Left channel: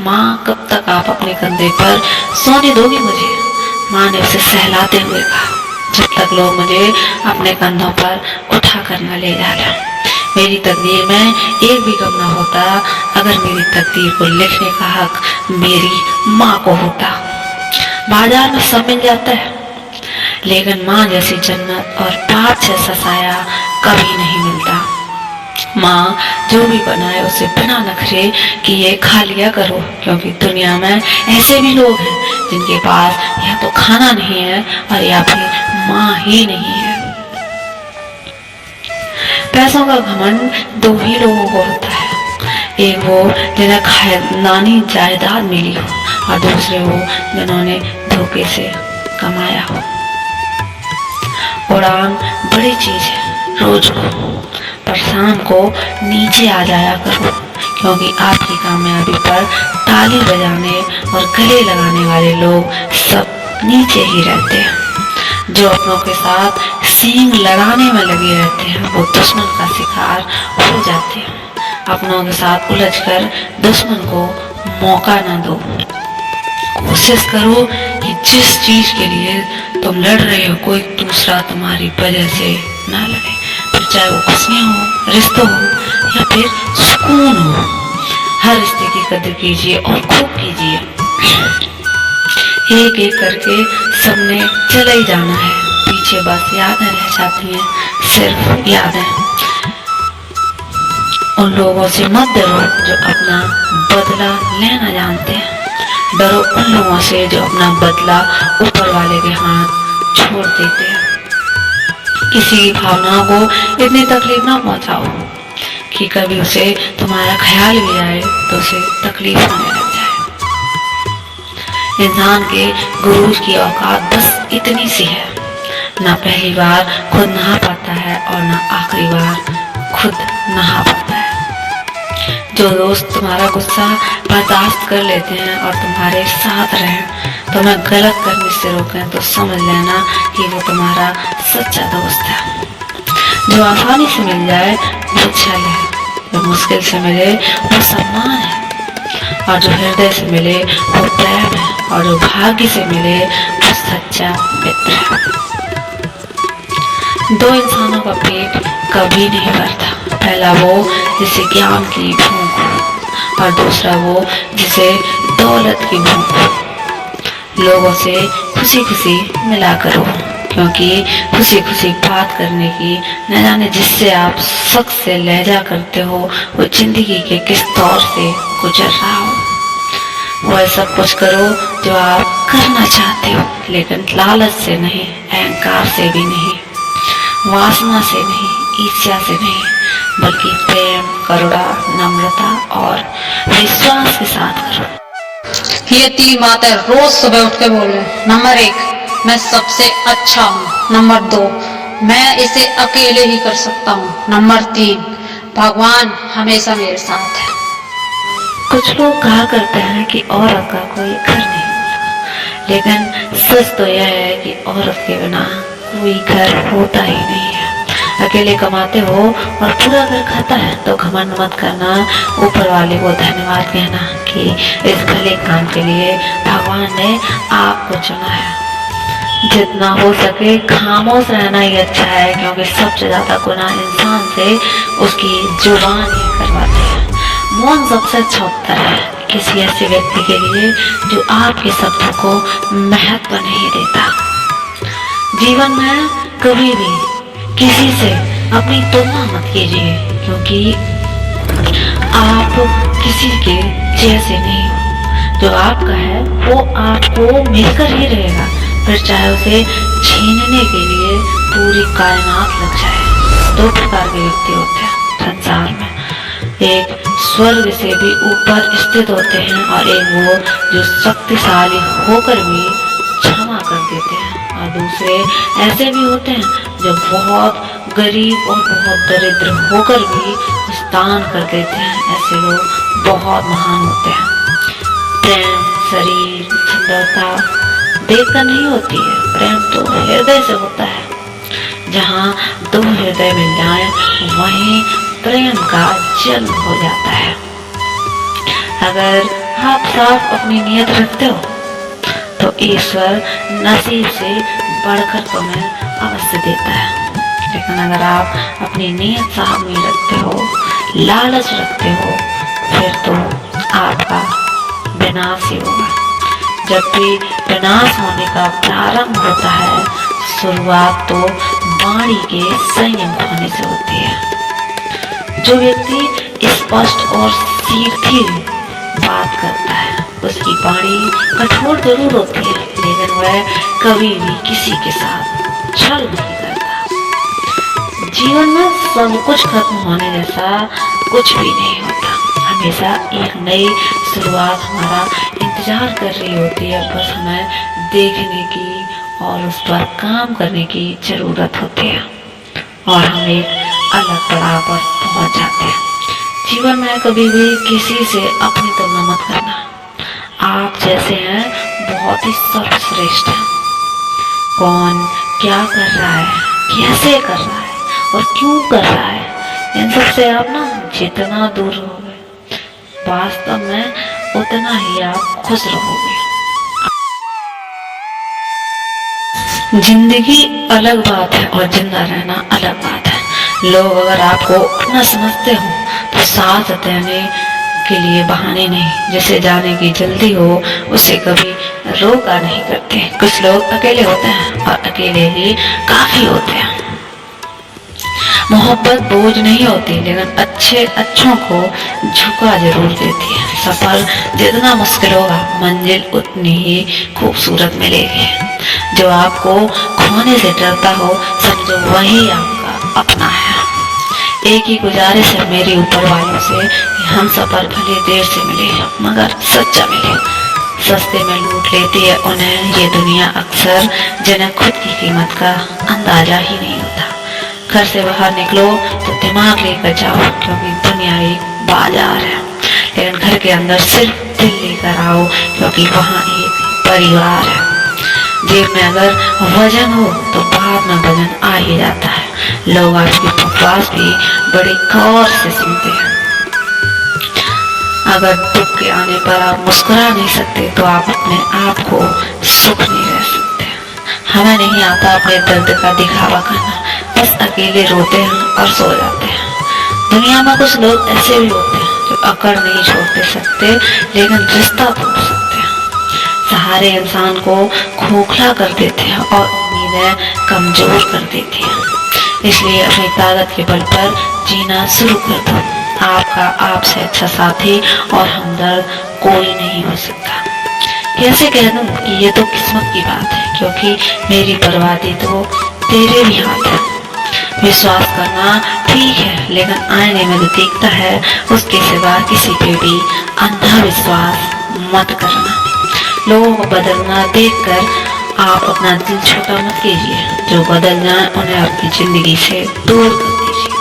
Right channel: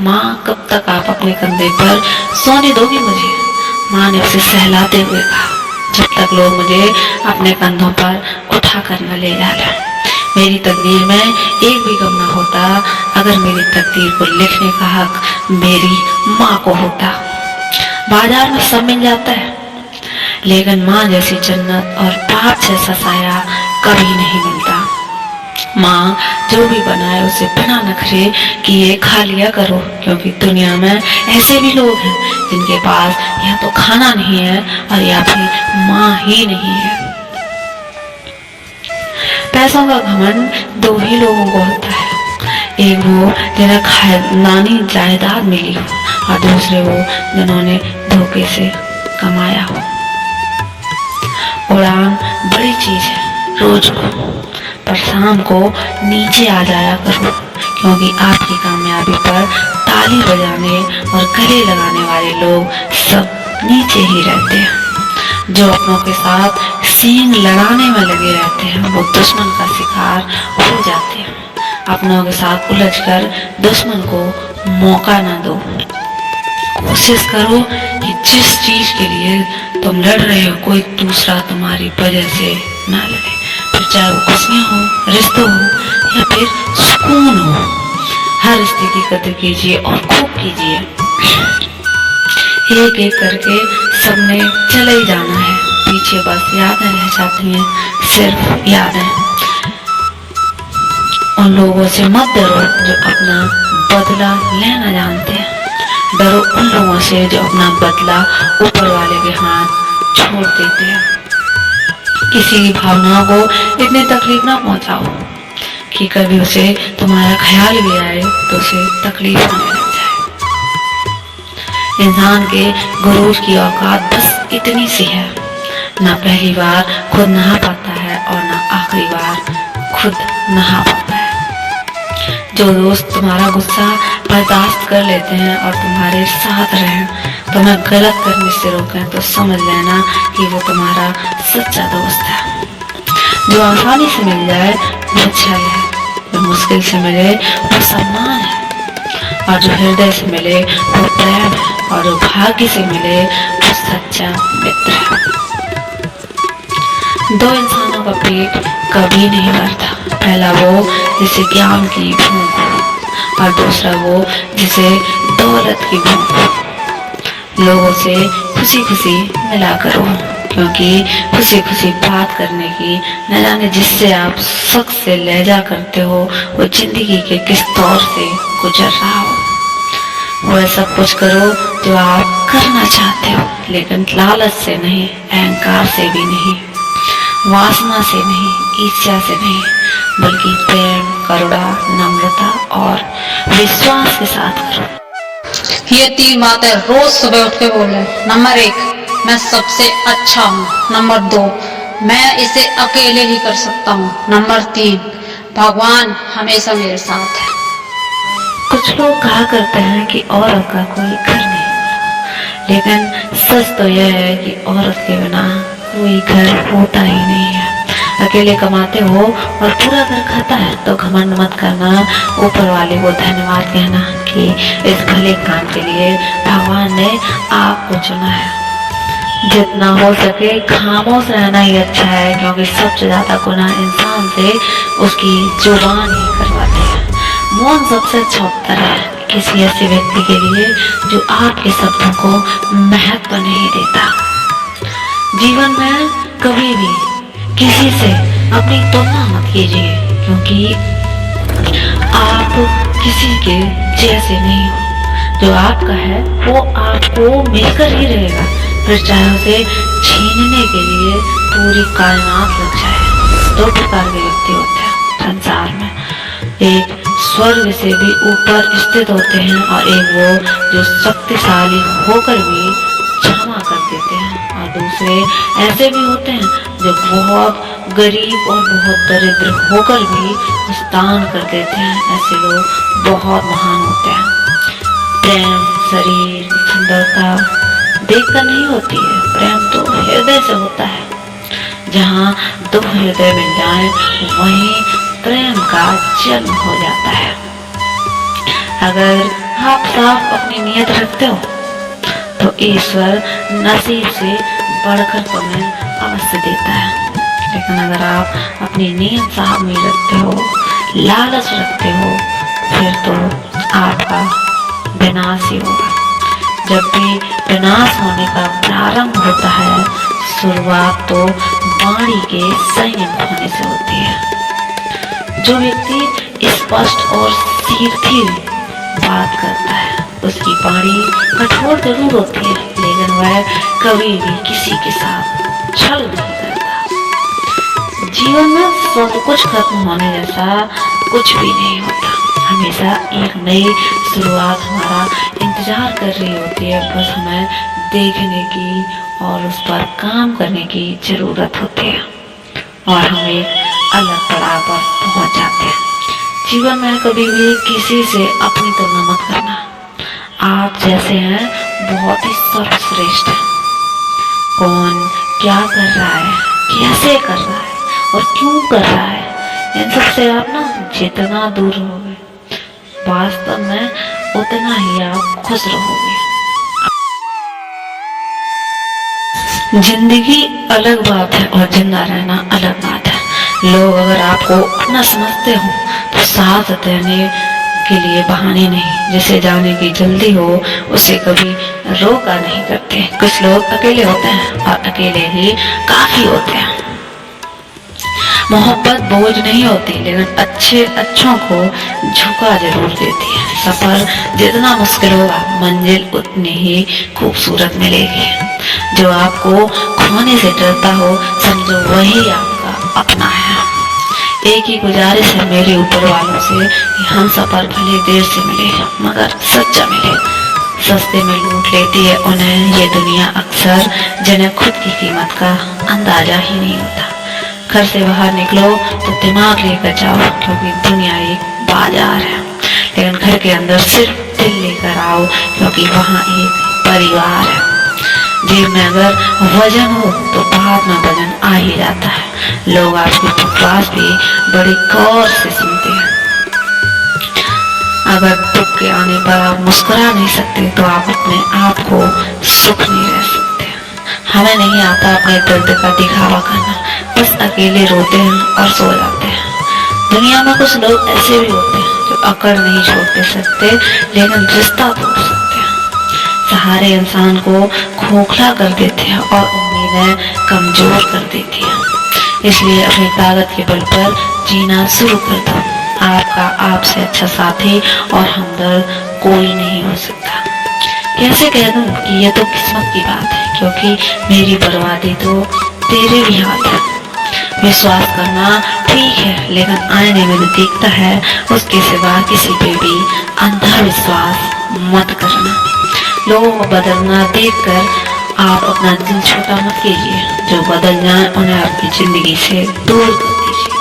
माँ कब तक आप अपने कंधे पर सोने दोगी मुझे? माँ ने उसे सहलाते हुए कहा, जब तक लोग मुझे अपने कंधों पर उठा कर न ले जाए। मेरी तकदीर में एक भी गम न होता अगर मेरी तकदीर को लिखने का हक मेरी माँ को होता। बाजार में सब मिल जाता है, लेकिन माँ जैसी जन्नत और पाप जैसा साया कभी नहीं मिलता। माँ जो भी बनाए उसे बिना नखरे किए खा लिया करो, क्योंकि दुनिया में ऐसे भी लोग हैं जिनके पास या तो खाना नहीं है और या फिर माँ ही नहीं है। पैसों का घमंड दो ही लोगों को होता है, एक वो जिन्हें खानदानी जायदाद मिली हो और दूसरे वो जिन्होंने धोखे से कमाया हो। उड़ान बड़ी चीज है रोज को, पर शाम को नीचे आ जाया करो, क्योंकि आपकी कामयाबी पर ताली बजाने और गले लगाने वाले लोग सब नीचे ही रहते हैं। जो अपनों के साथ सींग लड़ाने में लगे रहते हैं वो दुश्मन का शिकार हो जाते हैं। अपनों के साथ उलझकर दुश्मन को मौका ना दो। कोशिश करो कि जिस चीज के लिए तुम लड़ रहे हो कोई दूसरा तुम्हारी वजह से ना लड़े, फिर चाहे वो खुशियां हो, रिश्तों हो या फिर सुकून हो। हर रिश्ते की कदर कीजिए और खूब कीजिए। एक एक करके सबने चले ही जाना है, पीछे बस यादें रह जाती हैं, सिर्फ यादें। उन लोगों से मत डरो जो अपना बदला लेना जानते हैं, डरो उन लोगों से जो अपना बदला ऊपर वाले के हाथ छोड़ देते हैं। किसी की भावनाओं को इतनी तकलीफ ना पहुंचाओ कि कभी उसे तुम्हारा ख्याल भी आए तो उसे तकलीफ होने लगे। इंसान के गुरूर की औकात बस इतनी सी है, ना पहली बार खुद नहा पाता है और ना आखिरी बार खुद नहा पाता है। जो दोस्त तुम्हारा गुस्सा बर्दाश्त कर लेते हैं और तुम्हारे साथ रहें, तुम्हें गलत करने से रोकें, तो समझ लेना कि वो तुम्हारा सच्चा दोस्त है। जो आसानी से मिल जाए वो छल है, जो मुश्किल से मिले वो सम्मान है, और जो हृदय से मिले वो प्रेम है, और जो भाग्य से मिले वो सच्चा मित्र है। दो इंसानों का पेट कभी नहीं भरता, पहला वो जिसे ज्ञान की भूख हो और दूसरा वो जिसे दौलत की भूख हो। लोगों से खुशी खुशी मिला करो, क्योंकि खुशी खुशी बात करने की न जाने जिससे आप शख्स से लहजा करते हो वो जिंदगी के किस दौर से गुजर रहा हो। वह सब कुछ करो जो आप करना चाहते हो, लेकिन लालच से नहीं, अहंकार से भी नहीं, वासना से नहीं, ईर्ष्या से नहीं, बल्कि प्रेम, करुणा, नम्रता और विश्वास के साथ करो। ये 3 बातें रोज सुबह उठ के बोल रहे। नंबर 1, मैं सबसे अच्छा हूँ। नंबर 2, मैं इसे अकेले ही कर सकता हूँ। नंबर 3, भगवान हमेशा मेरे साथ है। कुछ लोग कहा करते हैं कि औरत का कोई घर नहीं होता, लेकिन सच तो यह है कि औरत के बिना कोई घर होता ही नहीं है। अकेले कमाते हो और पूरा घर खाता है तो घमंड मत करना, ऊपर वाले को धन्यवाद कहना कि इस भले काम के लिए भगवान ने आपको चुना है। जितना हो सके खामोश रहना ही अच्छा है, क्योंकि सबसे ज्यादा गुनाह इंसान से उसकी जुबान ही करवाती है। मौन सबसे अच्छा उत्तर है किसी ऐसे व्यक्ति के लिए जो आपके शब्दों को महत्व नहीं देता। जीवन में कभी भी किसी से अपनी तुलना मत कीजिए, क्योंकि आप किसी के जैसे नहीं हो। जो आपका है वो आपको मिलकर ही रहेगा, फिर चाहे उसे छीनने के लिए पूरी कायनात लग जाए। 2 प्रकार के व्यक्ति होते हैं संसार में, एक स्वर्ग से भी ऊपर स्थित होते हैं और एक वो जो शक्तिशाली होकर भी क्षमा कर देते हैं, और दूसरे ऐसे भी होते हैं जो बहुत गरीब और बहुत दरिद्र होकर भी दान कर देते हैं। ऐसे लोग बहुत महान होते हैं। प्रेम शरीर सुंदरता देखकर नहीं होती है, प्रेम तो हृदय से होता है। जहाँ 2 हृदय मिल जाएं वहीं प्रेम का जन्म हो जाता है। अगर आप साफ अपनी नीयत रखते हो तो ईश्वर नसीब से बढ़कर तुम्हें अवश्य देता है। लेकिन अगर आप अपनी नीयत साफ नहीं रखते हो, लालच रखते हो, फिर तो आपका विनाश ही होगा। जब भी विनाश होने का प्रारंभ होता है, शुरुआत तो वाणी के संयम होने से होती है। जो व्यक्ति स्पष्ट और सीधी बात करता है, उसकी वाणी कठोर जरूर होती है, लेकिन वह कभी भी किसी के साथ छल नहीं करता। जीवन में सब कुछ खत्म होने जैसा कुछ भी नहीं होता। हमेशा एक नई शुरुआत हमारा इंतजार कर रही होती है। बस हमें देखने की और उस पर काम करने की जरूरत होती है और हम एक अलग पड़ाव पर पहुंच जाते हैं। जीवन में कभी भी किसी से अपनी तुलना मत करना। आप जैसे हैं बहुत ही सर्वश्रेष्ठ हैं। कौन क्या कर रहा है, कैसे कर रहा है और क्यों कर रहा है, इन सब से आप ना जितना दूर रहोगे, वास्तव में उतना ही आप खुश रहोगे। जिंदगी अलग बात है और जिंदा रहना अलग बात है। लोग अगर आपको अपना समझते हो तो साथ देने के लिए बहाने नहीं, जिसे जाने की जल्दी हो उसे कभी रोका नहीं करते। कुछ लोग अकेले होते हैं और अकेले ही काफी होते हैं। मोहब्बत बोझ नहीं होती, लेकिन अच्छों को झुका जरूर देती है। सफर जितना मुश्किल होगा, मंजिल उतनी ही खूबसूरत मिलेगी। जो आपको खोने से डरता हो, समझो वही आपका अपना है। एक ही गुजारिश है मेरी ऊपर वालों से कि हम सफर भले देर से मिले मगर सच्चा मिले। सस्ते में लूट लेती है उन्हें ये दुनिया अक्सर, जिन्हें खुद की कीमत का अंदाजा ही नहीं होता। घर से बाहर निकलो तो दिमाग लेकर जाओ, क्योंकि दुनिया एक बाजार है। लेकिन घर के अंदर सिर्फ दिल लेकर आओ, क्योंकि वहाँ एक परिवार है। जेब में अगर वजन हो तो बाहर में वजन आ ही जाता है। लोग आपकी बकवास भी बड़े गौर से सुनते हैं। अगर दुख के आने पर आप मुस्कुरा नहीं सकते तो आप अपने आप को सुख नहीं रह सकते। हमें नहीं आता अपने दर्द का दिखावा करना, बस अकेले रोते हैं और सो जाते हैं। दुनिया में कुछ लोग ऐसे भी होते हैं जो अकड़ नहीं छोड़ सकते, लेकिन रिश्ता तोड़ सकते हैं। सहारे इंसान को खोखला कर देते हैं और उम्मीदें कमजोर कर देती हैं। इसलिए अपनी ताकत के बल पर जीना शुरू कर दो। आपका आपसे अच्छा साथी और हमदर्द कोई नहीं हो सकता। कैसे कह दूं कि ये तो किस्मत की बात है, क्योंकि मेरी बर्बादी तो तेरे भी हाथ है। विश्वास करना ठीक है, लेकिन आईने में जो दिखता है उसके सिवा किसी पे भी अंधा विश्वास मत करना। लोगों को बदलना देखकर आप अपना दिल छोटा मत कीजिए। जो बदल जाए उन्हें आपकी जिंदगी से दूर कर दीजिए।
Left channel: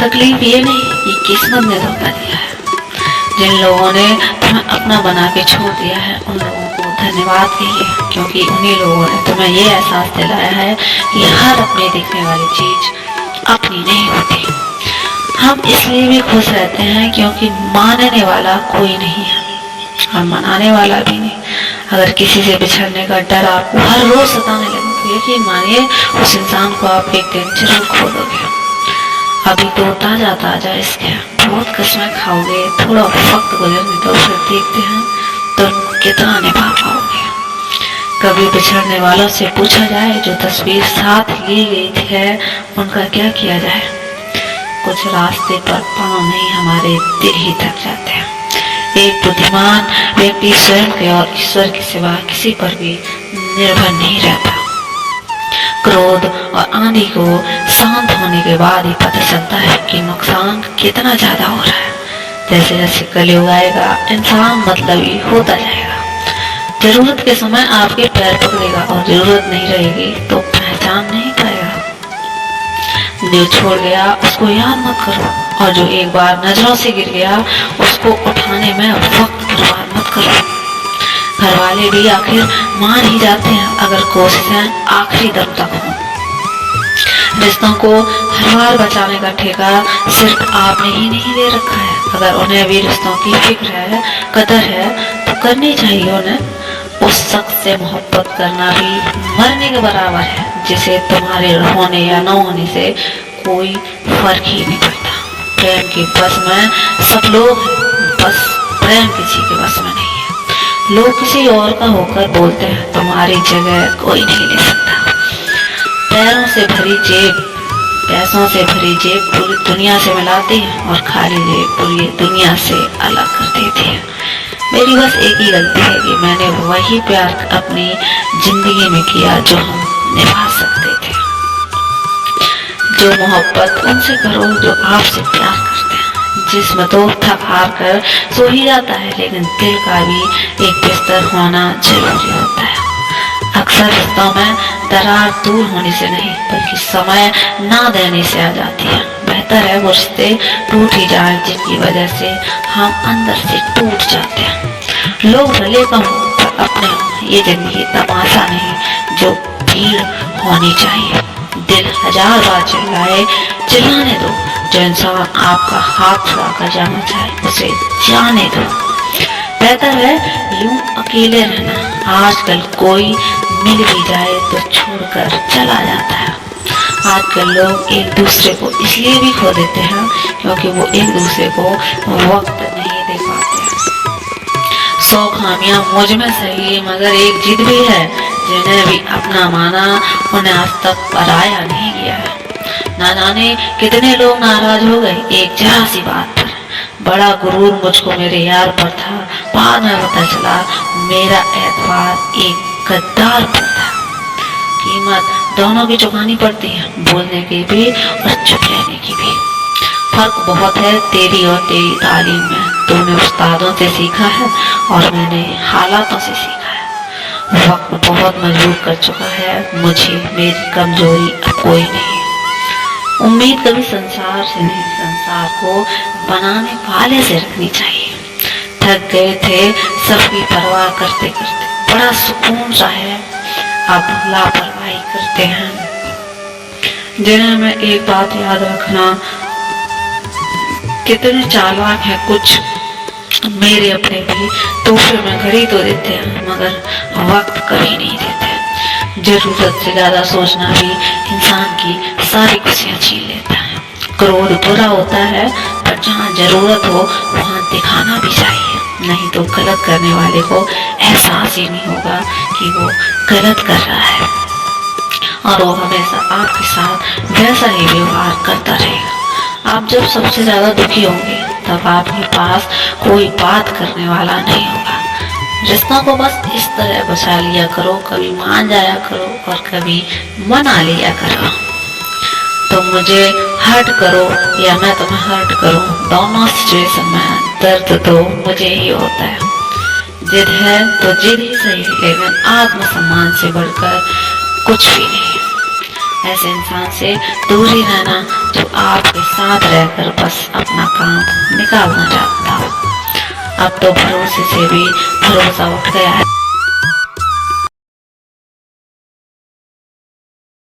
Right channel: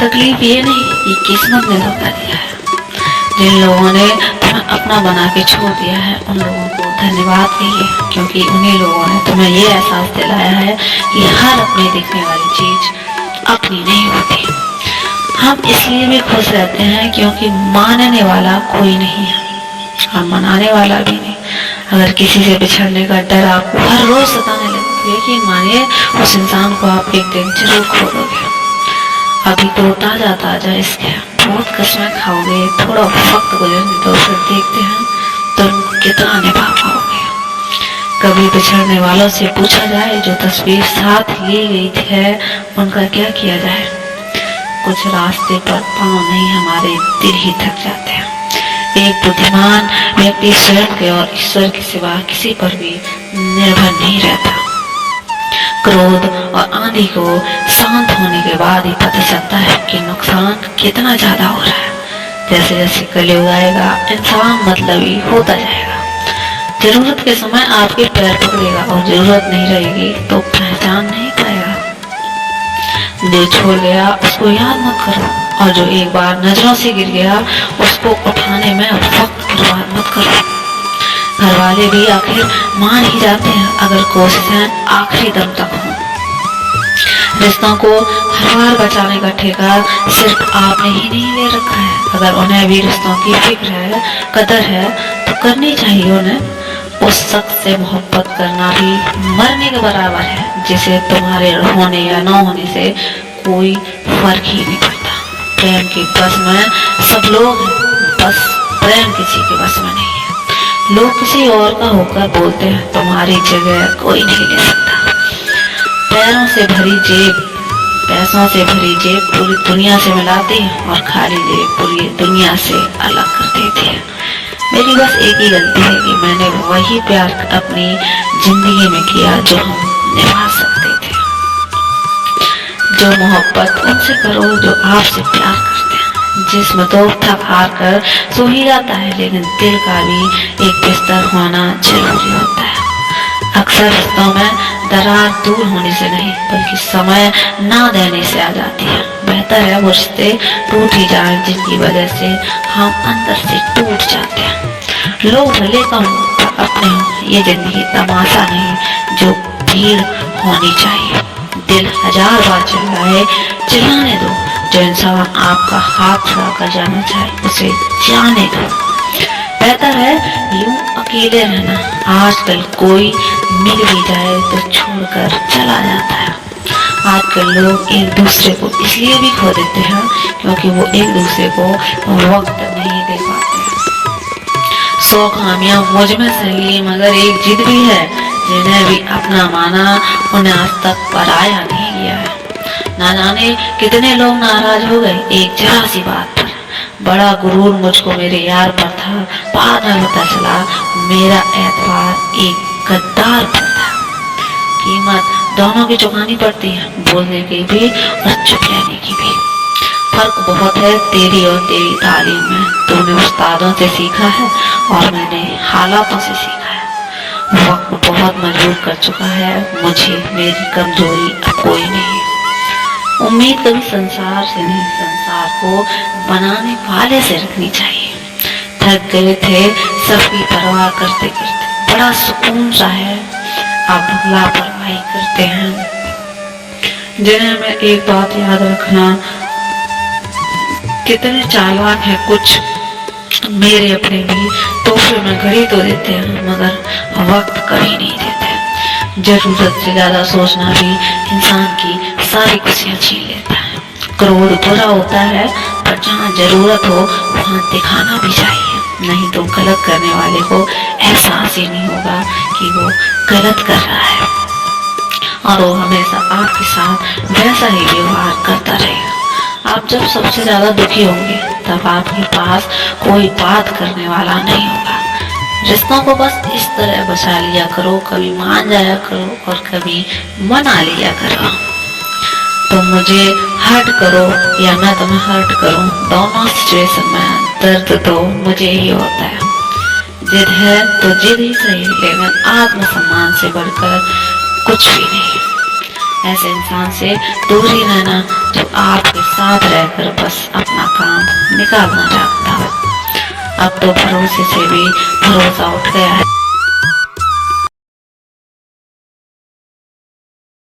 तकलीफ ये नहीं कि किस्मत ने धोखा दिया है। जिन लोगों ने तुम्हें अपना बना के छोड़ दिया है, उन लोगों को धन्यवाद कहिए, क्योंकि उन्हीं लोगों ने तुम्हें ये एहसास दिलाया है कि हर अपने दिखने वाली चीज अपनी नहीं होती। हम इसलिए भी खुश रहते हैं क्योंकि मानने वाला कोई नहीं है और मनाने वाला भी नहीं। अगर किसी से बिछड़ने का डर आपको हर रोज सताने लगे तो यकीन मानिए उस इंसान को आप एक दिन जरूर खो दोगे। अभी तो ताजा ताजा इसके बहुत कसमें खाओगे, थोड़ा वक्त गुजरने दो, फिर देखते हैं तुम कितना निभा पाओगे। कभी बिछड़ने वालों से पूछा जाए जो तस्वीर साथ ली गई है उनका क्या किया जाए। कुछ रास्ते पर पांव नहीं, हमारे दिल ही थक जाते हैं। एक बुद्धिमान व्यक्ति स्वयं के और ईश्वर के सिवा किसी पर भी निर्भर नहीं रहता। क्रोध और आंधी को शांत होने के बाद ही पता चलता है कि नुकसान कितना ज्यादा हो रहा है। जैसे जैसे कलयुग आएगा इंसान मतलबी होता जाएगा। जरूरत के समय आपके पैर पकड़ेगा और जरूरत नहीं रहेगी तो पहचान नहीं पाएगा। जो छोड़ गया उसको याद मत करो, और जो एक बार नजरों से गिर गया उसको उठाने में वक्त बर्बाद मत करो। घर वाले भी आखिर मान ही जाते हैं अगर कोशिशें आखिरी दम तक हों। रिश्तों को हर बार बचाने का ठेका सिर्फ आपने ही नहीं ले रखा है, अगर उन्हें भी रिश्तों की फिक्र है, कदर है, तो करनी चाहिए उन्हें। उस शख्स से मोहब्बत करना भी मरने के बराबर है, जिसे तुम्हारे होने या न होने से कोई फर्क ही नहीं पड़ता। प्रेम के बस में सब लोग हैं, बस प्रेम किसी के बस में नहीं है। लोग किसी और का होकर बोलते हैं तुम्हारी जगह कोई नहीं ले सकता। पैरों से भरी जेब, पैसों से भरी जेब पूरी दुनिया से मिलाती है और खाली जेब पूरी दुनिया से अलग कर देती है। मेरी बस एक ही गलती है कि मैंने वही प्यार अपनी जिंदगी में किया जो हम निभा सकते थे। जो मोहब्बत उनसे करो जो आपसे प्यार करते हैं। जिस्म तो थक हार कर सो ही जाता है, लेकिन दिल का भी एक बिस्तर होना जरूरी होता है। अक्सर रिश्तों में दरार दूर होने से नहीं बल्कि समय ना देने से आ जाती है। बेहतर है वो रिश्ते टूट ही जाएं जिनकी वजह से हम अंदर से टूट जाते हैं। लोग भले कम अपने हों, ये जिंदगी तमाशा नहीं जो भीड़ होनी चाहिए। दिल 1000 बार चिल्लाए, चिल्लाने दो। जो इंसान आपका हाथ छुड़ा कर जाना चाहे उसे जाने दो। बेहतर है यूं अकेले रहना। आजकल कोई मिल भी जाए तो छोड़कर चला जाता है। आजकल लोग एक दूसरे को इसलिए भी खो देते हैं क्योंकि वो एक दूसरे को वक्त नहीं दे पाते। 100 खामियां मुझ में सही मगर एक जिद भी है, जिन्हें भी अपना माना उन्हें आज तक पराया नहीं किया है। ना जाने कितने लोग नाराज हो गए एक जरा सी बात पर। बड़ा गुरूर मुझको मेरे यार पर था, बाद में पता चला मेरा एतबार एक गद्दार पर था। कीमत दोनों की चुकानी पड़ती है, बोलने की भी और चुप रहने की भी। फर्क बहुत है तेरी और तेरी तालीम में। तूने उस्तादों से सीखा है और मैंने हालातों से सीखा है। वक्त बहुत मजबूर कर चुका है मुझे, मेरी कमजोरी अब कोई नहीं। उम्मीद कभी संसार से नहीं, संसार को बनाने वाले से रखनी चाहिए। थक गए थे सबकी परवाह करते करते, बड़ा सुकून सा है अब लापरवाही करते हैं। जिन्हें मैं एक बात याद रखना, कितने चालाक हैं कुछ मेरे अपने भी। तोहफे में घड़ी तो देते हैं मगर वक्त कभी नहीं देते। जरूरत से ज्यादा सोचना भी इंसान की सारी खुशियां छीन लेता है। क्रोध बुरा होता है पर जहाँ जरूरत हो वहाँ दिखाना भी चाहिए, नहीं तो गलत करने वाले को एहसास ही नहीं होगा कि वो गलत कर रहा है और वो हमेशा आपके साथ वैसा ही व्यवहार करता रहेगा। आप जब सबसे ज्यादा दुखी होंगे तब आपके पास कोई बात करने वाला नहीं होगा। रिश्तों को बस इस तरह बचा लिया करो, कभी मान जाया करो और कभी मना लिया करो। तुम मुझे हर्ट करो या मैं तुम्हें हर्ट करूं, दोनों सिचुएशन में दर्द तो मुझे ही होता है। जिद है तो जिद ही सही, लेकिन आत्मसम्मान से बढ़कर कुछ भी नहीं। ऐसे इंसान से दूर ही रहना जो आपके साथ रहकर बस अपना काम निकालना चाहता हो। अब तो भरोसे से भी भरोसा उठ गया है।